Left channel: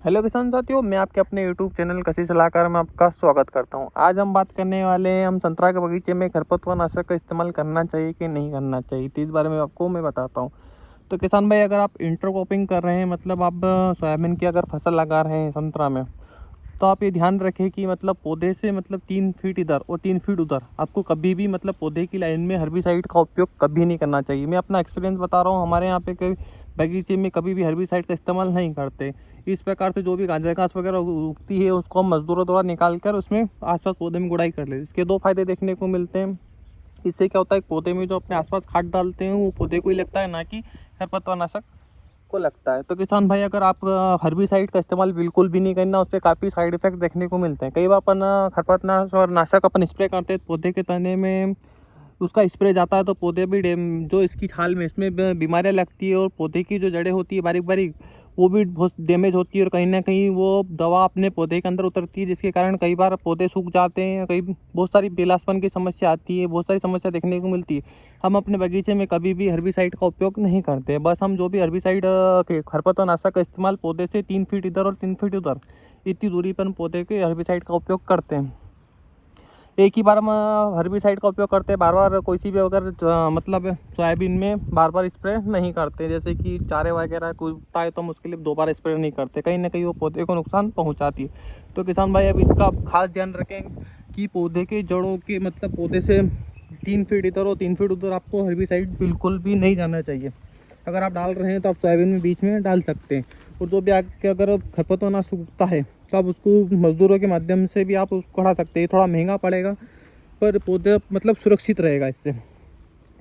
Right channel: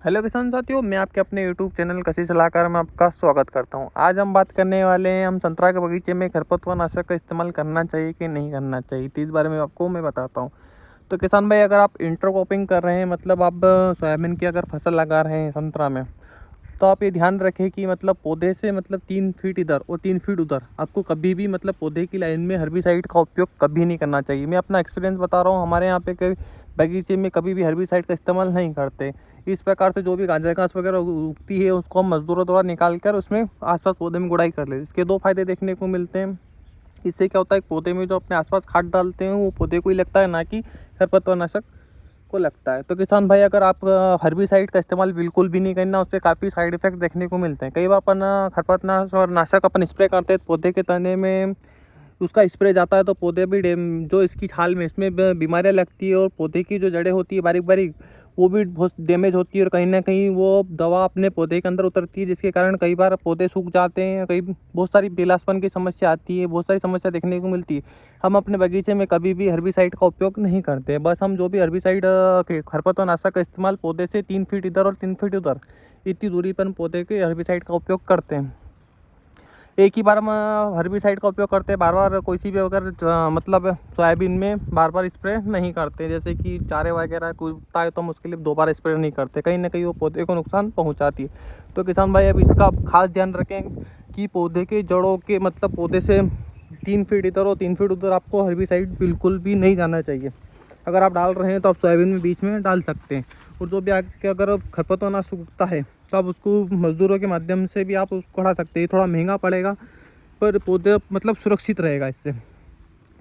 Hello किसान साथियों, मैं आपके अपने यूट्यूब चैनल कृषि सलाहकार में आपका स्वागत करता हूं। आज हम बात करने वाले हैं हम संतरा के बगीचे में खरपतवार नाशक का इस्तेमाल करना चाहिए कि नहीं करना चाहिए, तो इस बारे में आपको मैं बताता हूं। तो किसान भाई, अगर आप इंटरक्रॉपिंग कर रहे हैं, मतलब आप सोयाबीन की अगर फसल लगा रहे हैं संतरा में, तो आप ये ध्यान रखें कि मतलब पौधे से मतलब 3 फीट इधर और 3 फीट उधर आपको कभी भी मतलब पौधे की लाइन में हर्बिसाइड का उपयोग कभी नहीं करना चाहिए। मैं अपना एक्सपीरियंस बता रहा हूँ, हमारे यहाँ पे कभी बगीचे में कभी भी हर्बिसाइड का इस्तेमाल नहीं करते। इस प्रकार से जो भी गांजा घास वगैरह उगती है उसको हम मजदूरों द्वारा निकाल कर उसमें आसपास पौधे में गुड़ाई कर लेते। इसके दो फायदे देखने को मिलते हैं। इससे क्या होता है, पौधे में जो अपने आसपास खाद डालते हैं वो पौधे को ही लगता है, ना कि खरपतवार नाशक को लगता है। तो किसान भाई, अगर आप हर्बिसाइड का इस्तेमाल बिल्कुल भी नहीं करना, उससे काफ़ी साइड इफेक्ट देखने को मिलते हैं। कई बार अपन खरपतवार नाशक अपन स्प्रे करते हैं पौधे के तने में, उसका स्प्रे जाता है तो पौधे भी जो इसकी छाल में इसमें बीमारियाँ लगती है और पौधे की जो जड़ें होती है बारीक बारीक, वो भी बहुत डैमेज होती है और कहीं ना कहीं वो दवा अपने पौधे के अंदर उतरती है, जिसके कारण कई बार पौधे सूख जाते हैं। कई बहुत सारी पीलापन की समस्या आती है, बहुत सारी समस्या देखने को मिलती है। हम अपने बगीचे में कभी भी हर्बिसाइड का उपयोग नहीं करते। बस हम जो भी हर्बिसाइड खरपतवार नाशक का इस्तेमाल पौधे से 3 फीट इधर और 3 फीट उधर इतनी दूरी पर पौधे के हर्बिसाइड का उपयोग करते हैं। एक ही बार हम हर्बिसाइड का उपयोग करते हैं, बार बार कोई सी भी अगर मतलब सोयाबीन में बार बार स्प्रे नहीं करते। जैसे कि चारे वगैरह कोई उगता है तो हम उसके लिए 2 बार स्प्रे नहीं करते, कहीं ना कहीं वो पौधे को नुकसान पहुंचाती है। तो किसान भाई, अब इसका खास ध्यान रखें कि पौधे के जड़ों के मतलब पौधे से 3 फीट इधर और 3 फीट उधर आपको हर्बिसाइड बिल्कुल भी नहीं जाना चाहिए। अगर आप डाल रहे हैं तो आप सोयाबीन में बीच में डाल सकते हैं। और जो भी आगे अगर खरपतवार नाशक उगता है तो आप उसको मज़दूरों के माध्यम से भी आप उसको हटा सकते हैं। थोड़ा महंगा पड़ेगा पर पौधे मतलब सुरक्षित रहेगा इससे।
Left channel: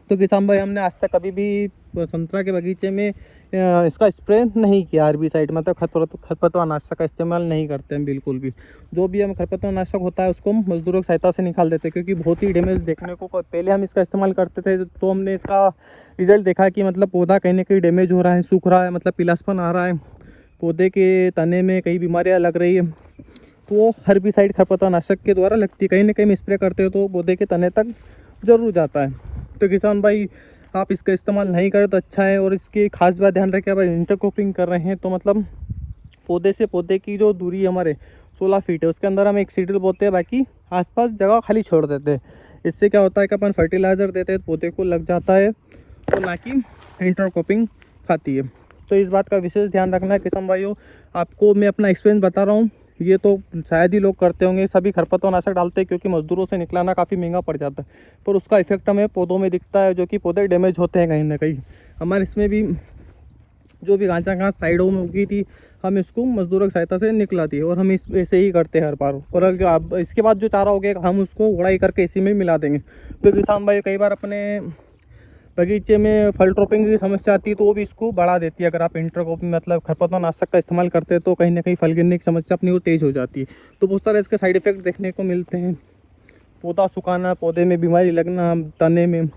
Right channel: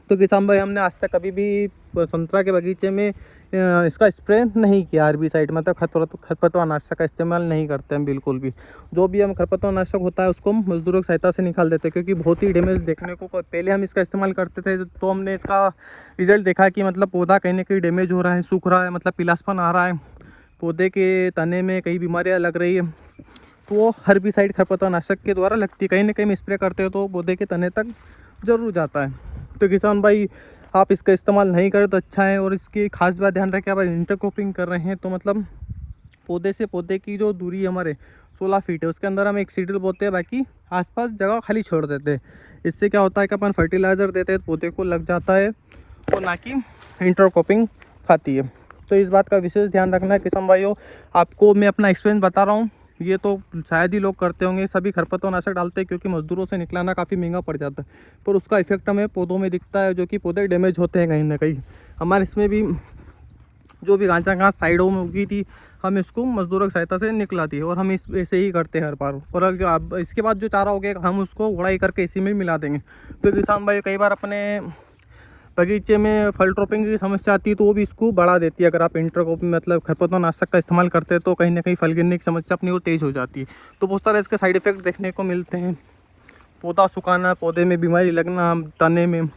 तो किसान भाई, हमने आज तक कभी भी संतरा के बगीचे में इसका स्प्रे नहीं किया। हर्बिसाइड मतलब खरपतवार नाशक का इस्तेमाल नहीं करते हैं बिल्कुल भी। जो भी हम खरपतवार नाशक होता है उसको हम मजदूरों की सहायता से निकाल देते हैं, क्योंकि बहुत ही डैमेज देखने को पहले हम इसका इस्तेमाल करते थे तो हमने इसका रिजल्ट देखा कि मतलब पौधा कहीं ना कहीं डैमेज हो रहा है, सूख रहा है, मतलब पीलापन आ रहा है, पौधे के तने में कई बीमारियाँ लग रही है। तो वो हर्बिसाइड खरपतवार नाशक के द्वारा लगती है। कहीं ना कहीं हम स्प्रे करते हो तो पौधे के तने तक ज़रूर जाता है। तो किसान भाई, आप इसका इस्तेमाल नहीं करें तो अच्छा है। और इसकी खास बात ध्यान रखें, आप इंटरक्रॉपिंग कर रहे हैं तो मतलब पौधे से पौधे की जो दूरी हमारे 16 फीट है उसके अंदर हम एक सीडल बोते हैं, बाकी आसपास जगह खाली छोड़ देते हैं। इससे क्या होता है कि अपन फर्टिलाइज़र देते हैं पौधे को लग जाता है, और ना कि इंटरक्रॉपिंग खाती है। तो इस बात का विशेष ध्यान रखना है किसान भाइयों। आपको मैं अपना एक्सपीरियंस बता रहा हूँ, ये तो शायद ही लोग करते होंगे। सभी खरपतवार नाशक डालते हैं क्योंकि मजदूरों से निकलाना काफ़ी महंगा पड़ जाता है, पर उसका इफेक्ट हमें पौधों में दिखता है, जो कि पौधे डैमेज होते हैं कहीं ना कहीं। हमारे इसमें भी जो भी गांजा घास साइडों में उगी थी, हम इसको मजदूरों की सहायता से निकलाती है, और हम इस ऐसे ही करते हैं हर बार। और अगर आप इसके बाद जो चारा हो गया हम उसको गुड़ाई करके इसी में मिला देंगे। तो किसान भाई, कई बार अपने बगीचे में फल ड्रॉपिंग की समस्या आती है तो वो भी इसको बढ़ा देती है। अगर आप इंटरक्रॉपिंग मतलब खरपतवार नाशक का इस्तेमाल करते हैं तो कहीं ना कहीं फल गिरने की समस्या अपनी वो तेज़ हो जाती है। तो बहुत सारे इसके साइड इफेक्ट देखने को मिलते हैं। पौधा सुखाना, पौधे में बीमारी लगना, तने में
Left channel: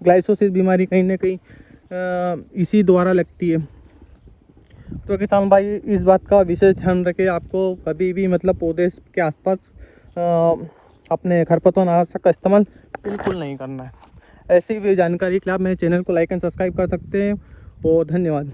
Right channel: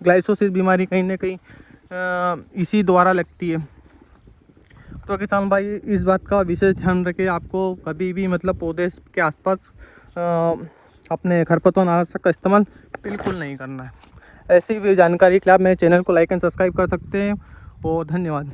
ग्लाइसोसिस बीमारी कहीं ना कहीं इसी द्वारा लगती है। तो किसान भाई, इस बात का विशेष ध्यान रखें, आपको कभी भी मतलब पौधे के आसपास अपने खरपतवार नाशक का इस्तेमाल बिल्कुल नहीं करना है। ऐसी भी जानकारी के लिए आप मेरे चैनल को लाइक एंड सब्सक्राइब कर सकते हैं। और धन्यवाद।